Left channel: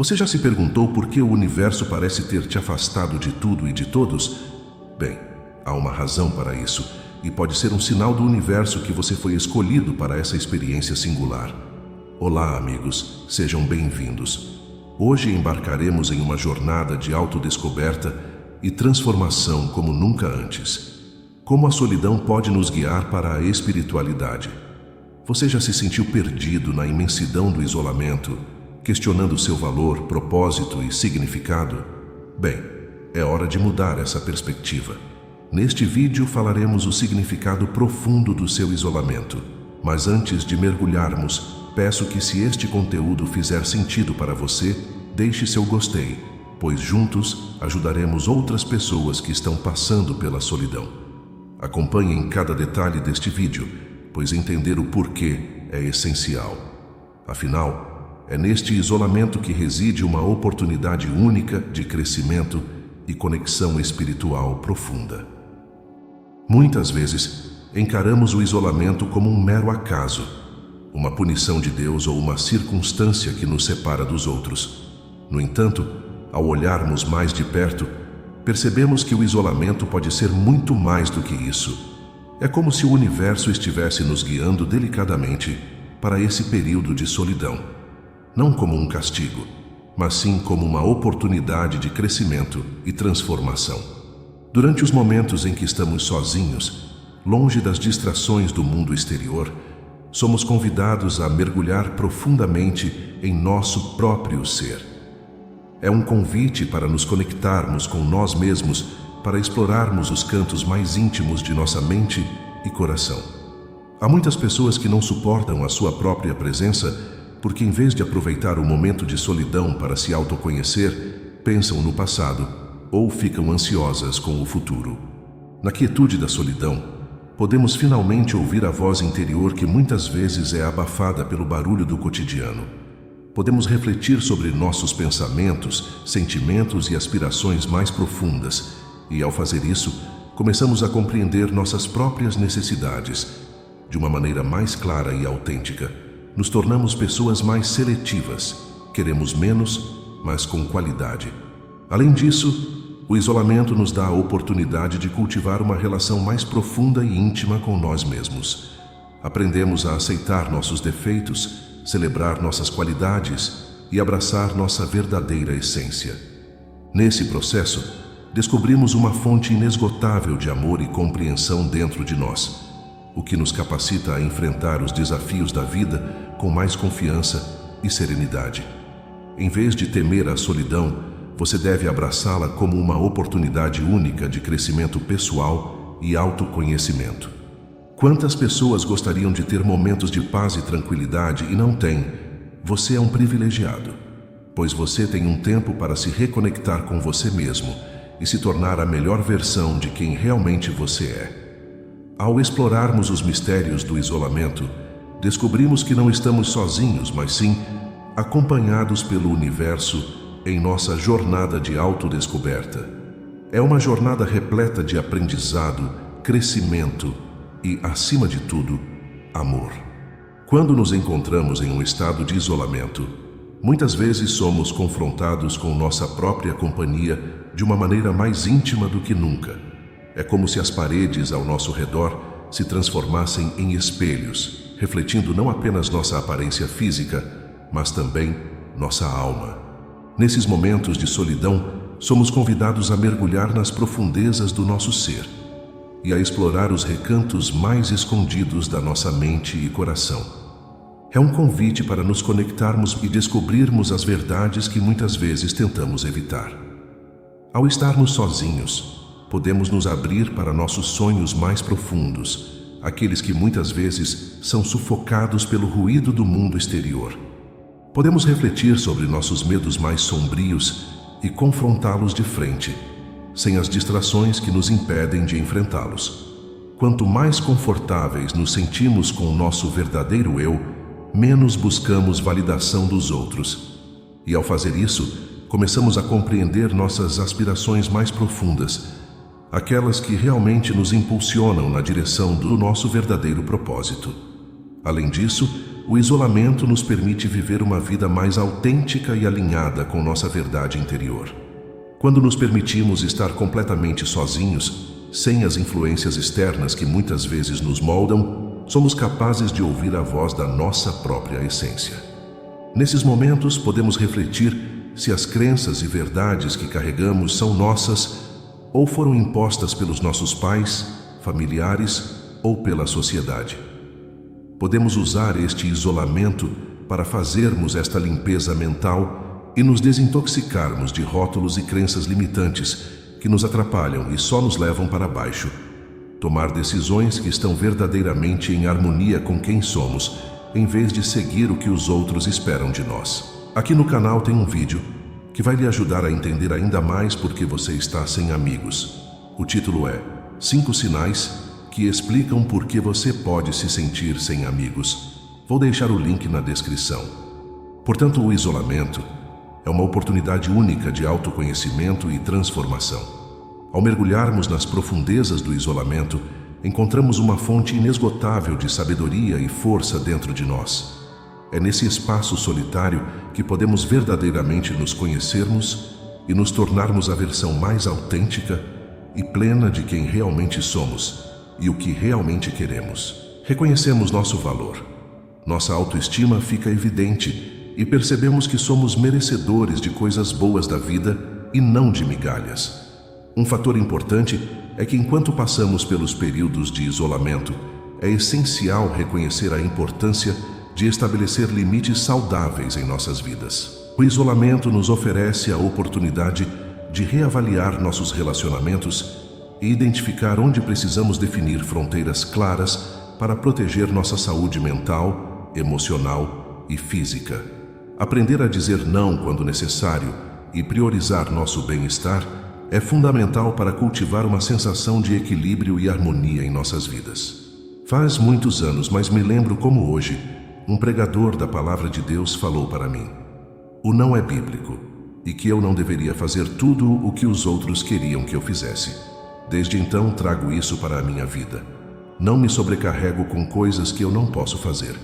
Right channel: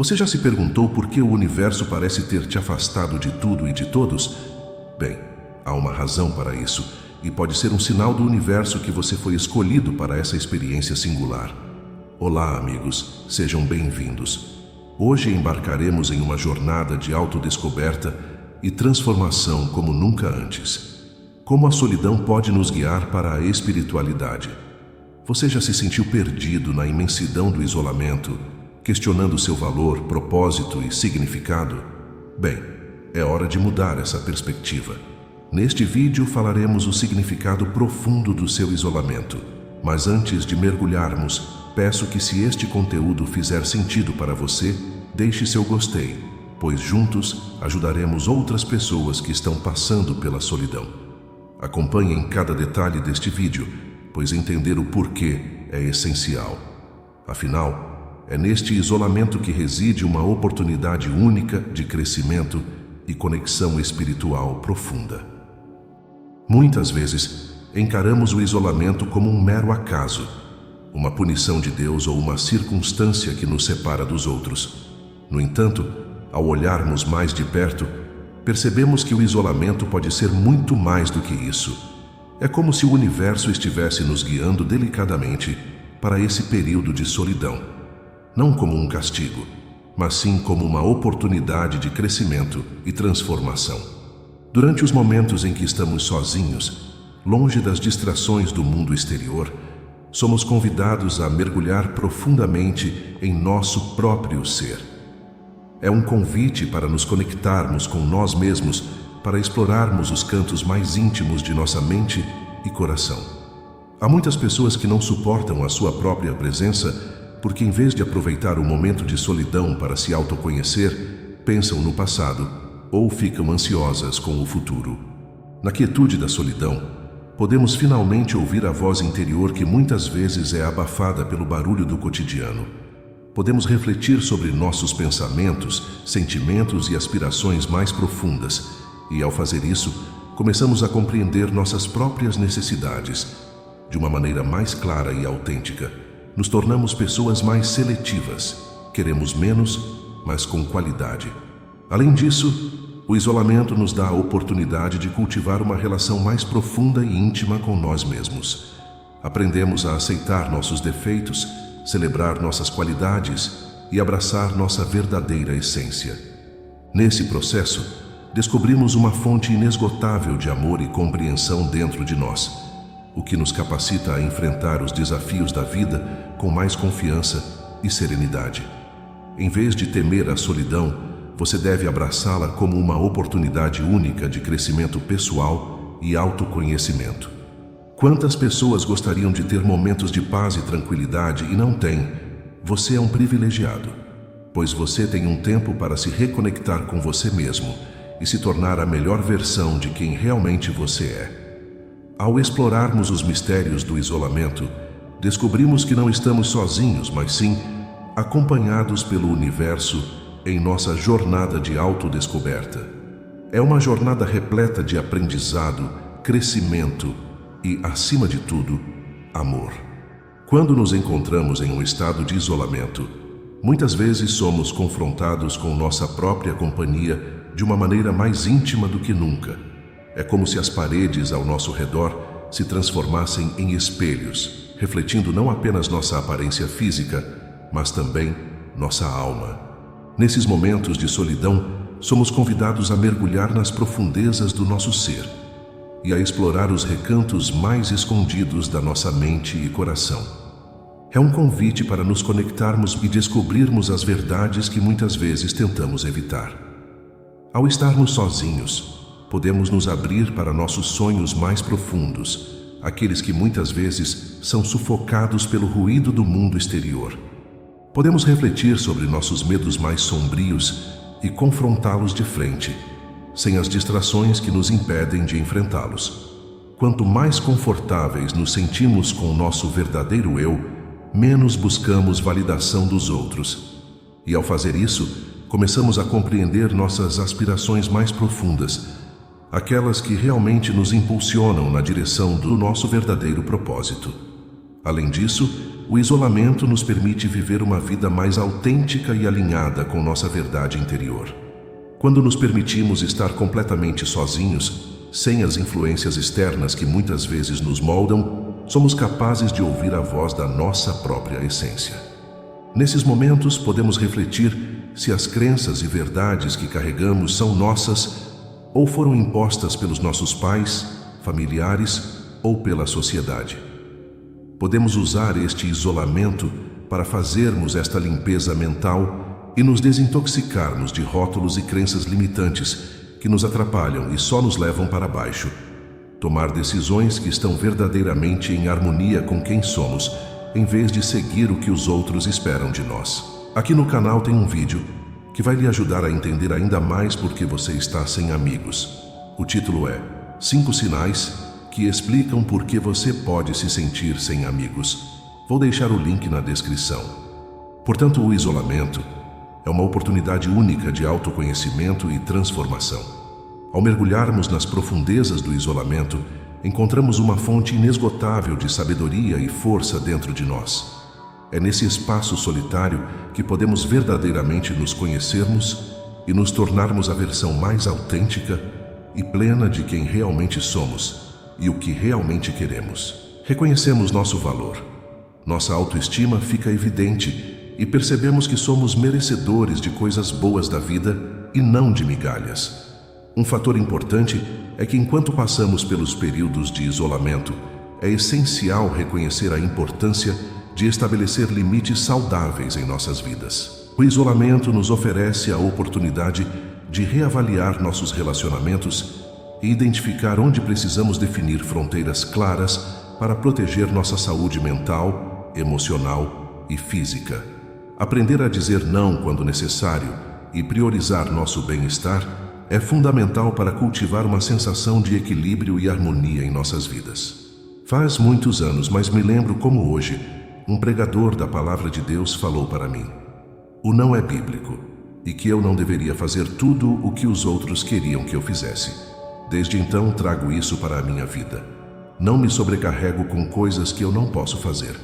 Você já se perguntou por que o universo parece ter te afastado de tudo e de todos? Bem, há uma razão para isso, e pode ser um sinal do universo que você foi escolhido para essa experiência singular. Olá, amigos, sejam bem-vindos. Hoje embarcaremos em uma jornada de autodescoberta e transformação como nunca antes. Como a solidão pode nos guiar para a espiritualidade? Você já se sentiu perdido na imensidão do isolamento, questionando seu valor, propósito e significado? Bem, é hora de mudar essa perspectiva. Neste vídeo falaremos o significado profundo do seu isolamento. Mas antes de mergulharmos, peço que, se este conteúdo fizer sentido para você, deixe seu gostei, pois juntos ajudaremos outras pessoas que estão passando pela solidão. Acompanhem cada detalhe deste vídeo, pois entender o porquê é essencial. Afinal, é neste isolamento que reside uma oportunidade única de crescimento e conexão espiritual profunda. Muitas vezes, encaramos o isolamento como um mero acaso, uma punição de Deus ou uma circunstância que nos separa dos outros. No entanto, ao olharmos mais de perto, percebemos que o isolamento pode ser muito mais do que isso. É como se o universo estivesse nos guiando delicadamente para esse período de solidão. Não como um castigo, mas sim como uma oportunidade de crescimento e transformação. Durante os momentos em que estamos sozinhos, longe das distrações do mundo exterior, somos convidados a mergulhar profundamente em nosso próprio ser. É um convite para nos conectarmos com nós mesmos, para explorarmos os cantos mais íntimos de nossa mente e coração. Há muitas pessoas que não suportam a sua própria presença, porque em vez de aproveitar o momento de solidão para se autoconhecer, pensam no passado ou ficam ansiosas com o futuro. Na quietude da solidão, podemos finalmente ouvir a voz interior que muitas vezes é abafada pelo barulho do cotidiano. Podemos refletir sobre nossos pensamentos, sentimentos e aspirações mais profundas, e ao fazer isso, começamos a compreender nossas próprias necessidades de uma maneira mais clara e autêntica. Nos tornamos pessoas mais seletivas, queremos menos, mas com qualidade. Além disso, o isolamento nos dá a oportunidade de cultivar uma relação mais profunda e íntima com nós mesmos. Aprendemos a aceitar nossos defeitos, celebrar nossas qualidades e abraçar nossa verdadeira essência. Nesse processo, descobrimos uma fonte inesgotável de amor e compreensão dentro de nós, o que nos capacita a enfrentar os desafios da vida com mais confiança e serenidade. Em vez de temer a solidão, você deve abraçá-la como uma oportunidade única de crescimento pessoal e autoconhecimento. Quantas pessoas gostariam de ter momentos de paz e tranquilidade e não têm? Você é um privilegiado, pois você tem um tempo para se reconectar com você mesmo e se tornar a melhor versão de quem realmente você é. Ao explorarmos os mistérios do isolamento, descobrimos que não estamos sozinhos, mas sim acompanhados pelo universo em nossa jornada de autodescoberta. É uma jornada repleta de aprendizado, crescimento e, acima de tudo, amor. Quando nos encontramos em um estado de isolamento, muitas vezes somos confrontados com nossa própria companhia de uma maneira mais íntima do que nunca. É como se as paredes ao nosso redor se transformassem em espelhos, refletindo não apenas nossa aparência física, mas também nossa alma. Nesses momentos de solidão, somos convidados a mergulhar nas profundezas do nosso ser e a explorar os recantos mais escondidos da nossa mente e coração. É um convite para nos conectarmos e descobrirmos as verdades que muitas vezes tentamos evitar. Ao estarmos sozinhos, podemos nos abrir para nossos sonhos mais profundos, aqueles que muitas vezes são sufocados pelo ruído do mundo exterior. Podemos refletir sobre nossos medos mais sombrios e confrontá-los de frente, sem as distrações que nos impedem de enfrentá-los. Quanto mais confortáveis nos sentimos com o nosso verdadeiro eu, menos buscamos validação dos outros. E ao fazer isso, começamos a compreender nossas aspirações mais profundas, aquelas que realmente nos impulsionam na direção do nosso verdadeiro propósito. Além disso, o isolamento nos permite viver uma vida mais autêntica e alinhada com nossa verdade interior. Quando nos permitimos estar completamente sozinhos, sem as influências externas que muitas vezes nos moldam, somos capazes de ouvir a voz da nossa própria essência. Nesses momentos, podemos refletir se as crenças e verdades que carregamos são nossas ou foram impostas pelos nossos pais, familiares ou pela sociedade. Podemos usar este isolamento para fazermos esta limpeza mental e nos desintoxicarmos de rótulos e crenças limitantes que nos atrapalham e só nos levam para baixo. Tomar decisões que estão verdadeiramente em harmonia com quem somos, em vez de seguir o que os outros esperam de nós. Aqui no canal tem um vídeo que vai lhe ajudar a entender ainda mais por que você está sem amigos. O título é 5 sinais que explicam por que você pode se sentir sem amigos. Vou deixar o link na descrição. Portanto, o isolamento é uma oportunidade única de autoconhecimento e transformação. Ao mergulharmos nas profundezas do isolamento, encontramos uma fonte inesgotável de sabedoria e força dentro de nós. É nesse espaço solitário que podemos verdadeiramente nos conhecermos e nos tornarmos a versão mais autêntica e plena de quem realmente somos e o que realmente queremos. Reconhecemos nosso valor. Nossa autoestima fica evidente e percebemos que somos merecedores de coisas boas da vida e não de migalhas. Um fator importante é que enquanto passamos pelos períodos de isolamento, é essencial reconhecer a importância de estabelecer limites saudáveis em nossas vidas. O isolamento nos oferece a oportunidade de reavaliar nossos relacionamentos e identificar onde precisamos definir fronteiras claras para proteger nossa saúde mental, emocional e física. Aprender a dizer não quando necessário e priorizar nosso bem-estar é fundamental para cultivar uma sensação de equilíbrio e harmonia em nossas vidas. Faz muitos anos, mas me lembro como hoje, um pregador da Palavra de Deus falou para mim: o não é bíblico e que eu não deveria fazer tudo o que os outros queriam que eu fizesse. Desde então trago isso para a minha vida. Não me sobrecarrego com coisas que eu não posso fazer.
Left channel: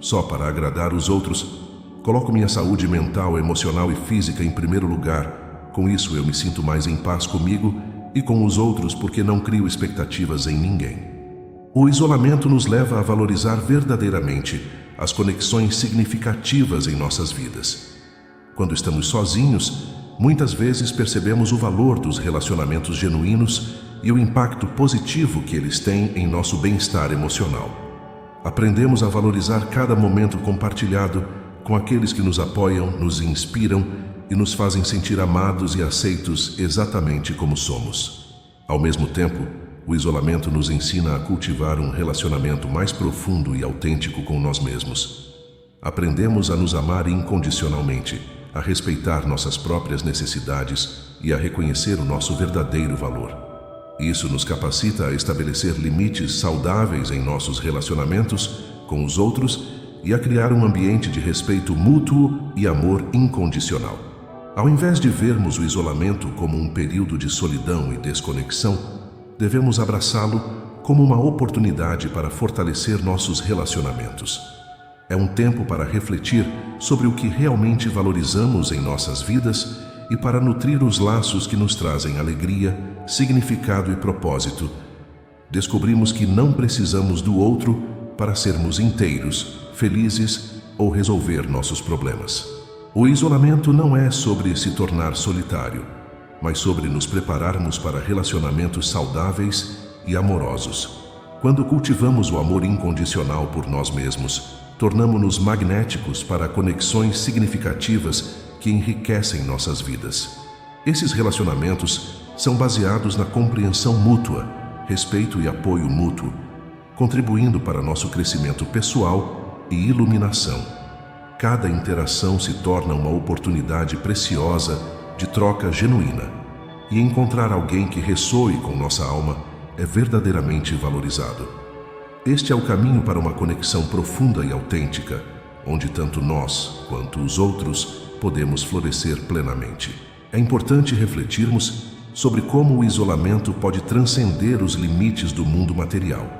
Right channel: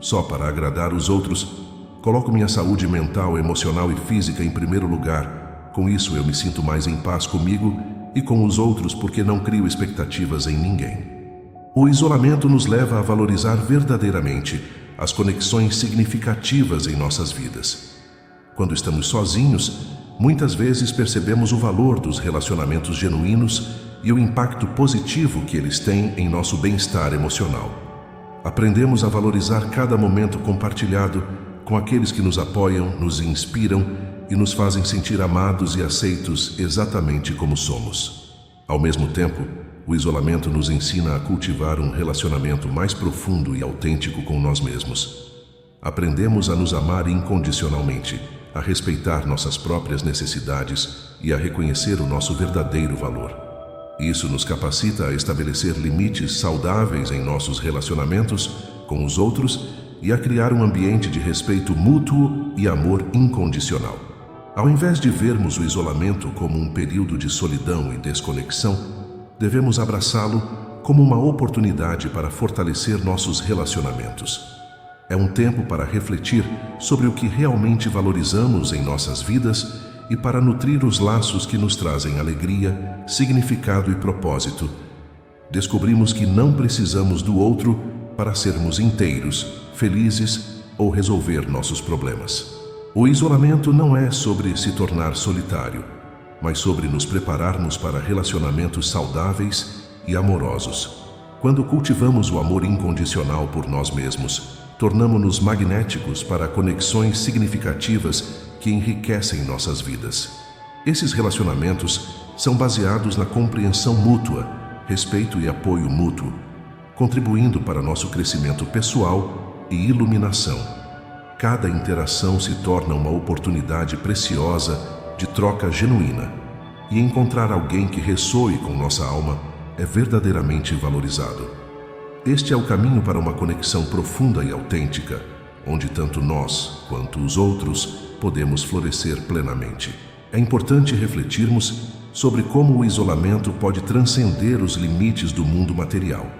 Só para agradar os outros, coloco minha saúde mental, emocional e física em primeiro lugar. Com isso eu me sinto mais em paz comigo e com os outros porque não crio expectativas em ninguém. O isolamento nos leva a valorizar verdadeiramente as conexões significativas em nossas vidas. Quando estamos sozinhos, muitas vezes percebemos o valor dos relacionamentos genuínos e o impacto positivo que eles têm em nosso bem-estar emocional. Aprendemos a valorizar cada momento compartilhado com aqueles que nos apoiam, nos inspiram e nos fazem sentir amados e aceitos exatamente como somos. Ao mesmo tempo, o isolamento nos ensina a cultivar um relacionamento mais profundo e autêntico com nós mesmos. Aprendemos a nos amar incondicionalmente, a respeitar nossas próprias necessidades e a reconhecer o nosso verdadeiro valor. Isso nos capacita a estabelecer limites saudáveis em nossos relacionamentos com os outros e a criar um ambiente de respeito mútuo e amor incondicional. Ao invés de vermos o isolamento como um período de solidão e desconexão, devemos abraçá-lo como uma oportunidade para fortalecer nossos relacionamentos. É um tempo para refletir sobre o que realmente valorizamos em nossas vidas e para nutrir os laços que nos trazem alegria, significado e propósito. Descobrimos que não precisamos do outro para sermos inteiros, felizes ou resolver nossos problemas. O isolamento não é sobre se tornar solitário, mas sobre nos prepararmos para relacionamentos saudáveis e amorosos. Quando cultivamos o amor incondicional por nós mesmos, tornamo-nos magnéticos para conexões significativas que enriquecem nossas vidas. Esses relacionamentos são baseados na compreensão mútua, respeito e apoio mútuo, contribuindo para nosso crescimento pessoal e iluminação. Cada interação se torna uma oportunidade preciosa de troca genuína, e encontrar alguém que ressoe com nossa alma é verdadeiramente valorizado. Este é o caminho para uma conexão profunda e autêntica, onde tanto nós quanto os outros podemos florescer plenamente. É importante refletirmos sobre como o isolamento pode transcender os limites do mundo material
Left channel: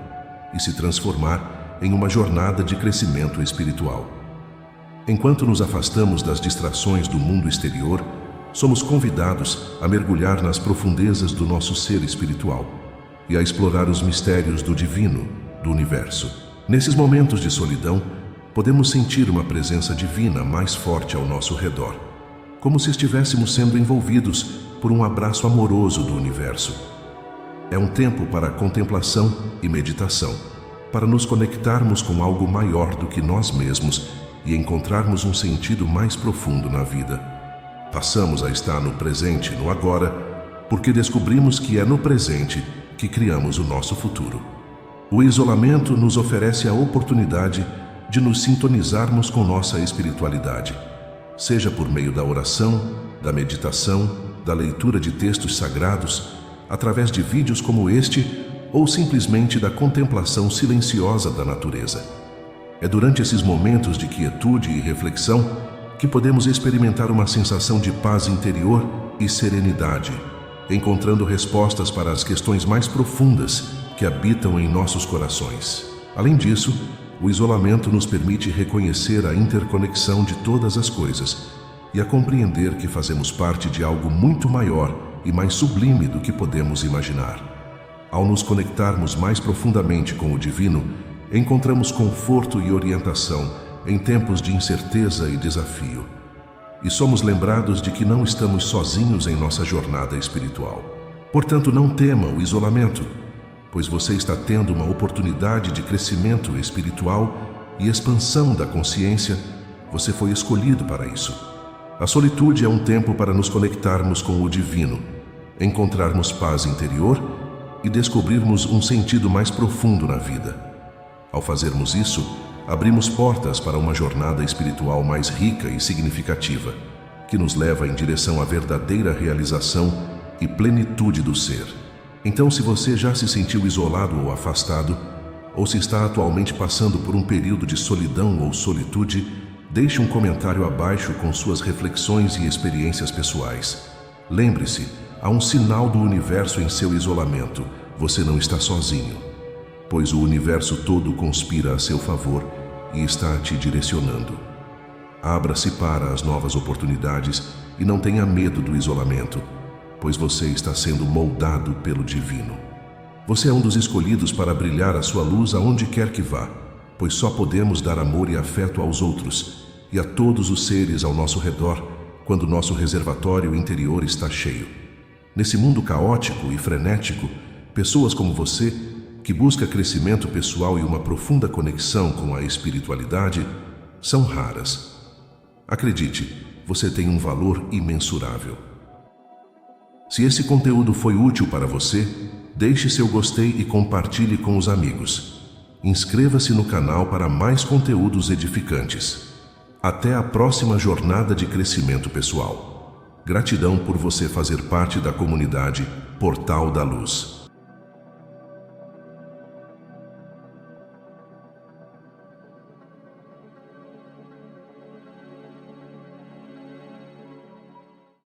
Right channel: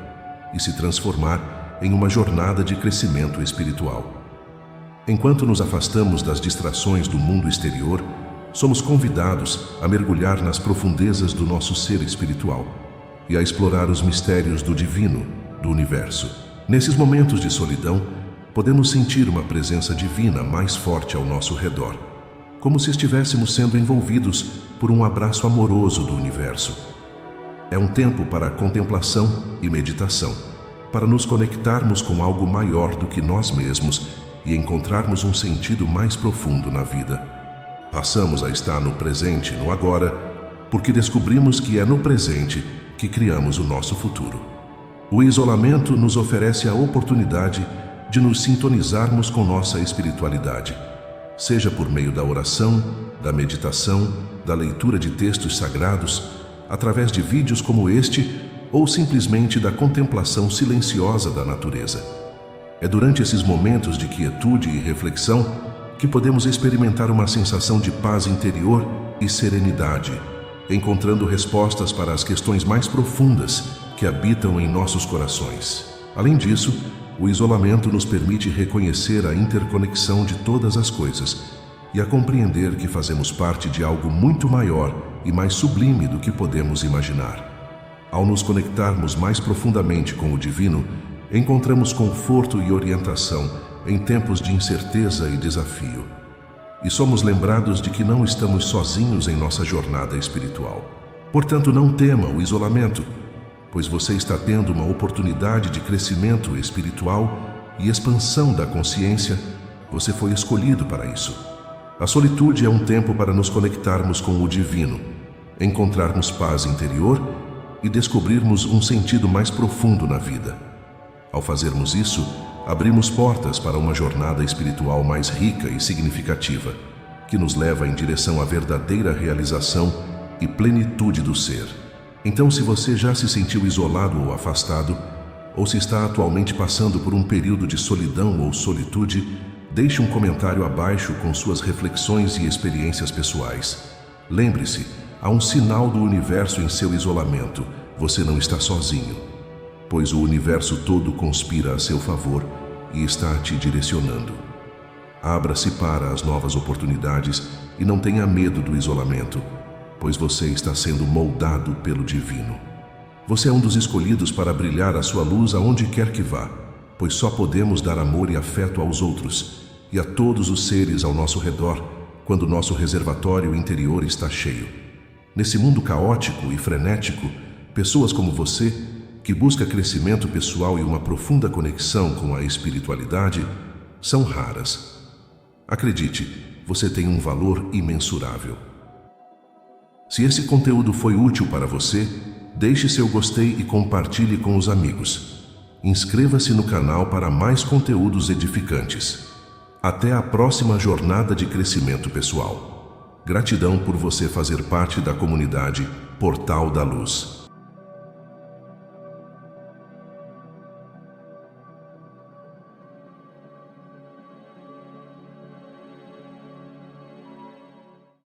e se transformar em uma jornada de crescimento espiritual. Enquanto nos afastamos das distrações do mundo exterior, somos convidados a mergulhar nas profundezas do nosso ser espiritual e a explorar os mistérios do divino, do universo. Nesses momentos de solidão, podemos sentir uma presença divina mais forte ao nosso redor, como se estivéssemos sendo envolvidos por um abraço amoroso do universo. É um tempo para contemplação e meditação, para nos conectarmos com algo maior do que nós mesmos e encontrarmos um sentido mais profundo na vida. Passamos a estar no presente, no agora, porque descobrimos que é no presente que criamos o nosso futuro. O isolamento nos oferece a oportunidade de nos sintonizarmos com nossa espiritualidade, seja por meio da oração, da meditação, da leitura de textos sagrados, através de vídeos como este, ou simplesmente da contemplação silenciosa da natureza. É durante esses momentos de quietude e reflexão que podemos experimentar uma sensação de paz interior e serenidade, encontrando respostas para as questões mais profundas que habitam em nossos corações. Além disso, o isolamento nos permite reconhecer a interconexão de todas as coisas e a compreender que fazemos parte de algo muito maior e mais sublime do que podemos imaginar. Ao nos conectarmos mais profundamente com o divino, encontramos conforto e orientação em tempos de incerteza e desafio. E somos lembrados de que não estamos sozinhos em nossa jornada espiritual. Portanto, não tema o isolamento, pois você está tendo uma oportunidade de crescimento espiritual e expansão da consciência. Você foi escolhido para isso. A solitude é um tempo para nos conectarmos com o divino, encontrarmos paz interior e descobrirmos um sentido mais profundo na vida. Ao fazermos isso, abrimos portas para uma jornada espiritual mais rica e significativa, que nos leva em direção à verdadeira realização e plenitude do ser. Então, se você já se sentiu isolado ou afastado, ou se está atualmente passando por um período de solidão ou solitude, deixe um comentário abaixo com suas reflexões e experiências pessoais. Lembre-se, há um sinal do universo em seu isolamento. Você não está sozinho, pois o universo todo conspira a seu favor e está te direcionando. Abra-se para as novas oportunidades e não tenha medo do isolamento, pois você está sendo moldado pelo divino. Você é um dos escolhidos para brilhar a sua luz aonde quer que vá, pois só podemos dar amor e afeto aos outros e a todos os seres ao nosso redor quando nosso reservatório interior está cheio. Nesse mundo caótico e frenético, pessoas como você, que busca crescimento pessoal e uma profunda conexão com a espiritualidade, são raras. Acredite, você tem um valor imensurável. Se esse conteúdo foi útil para você, deixe seu gostei e compartilhe com os amigos. Inscreva-se no canal para mais conteúdos edificantes. Até a próxima jornada de crescimento pessoal. Gratidão por você fazer parte da comunidade Portal da Luz.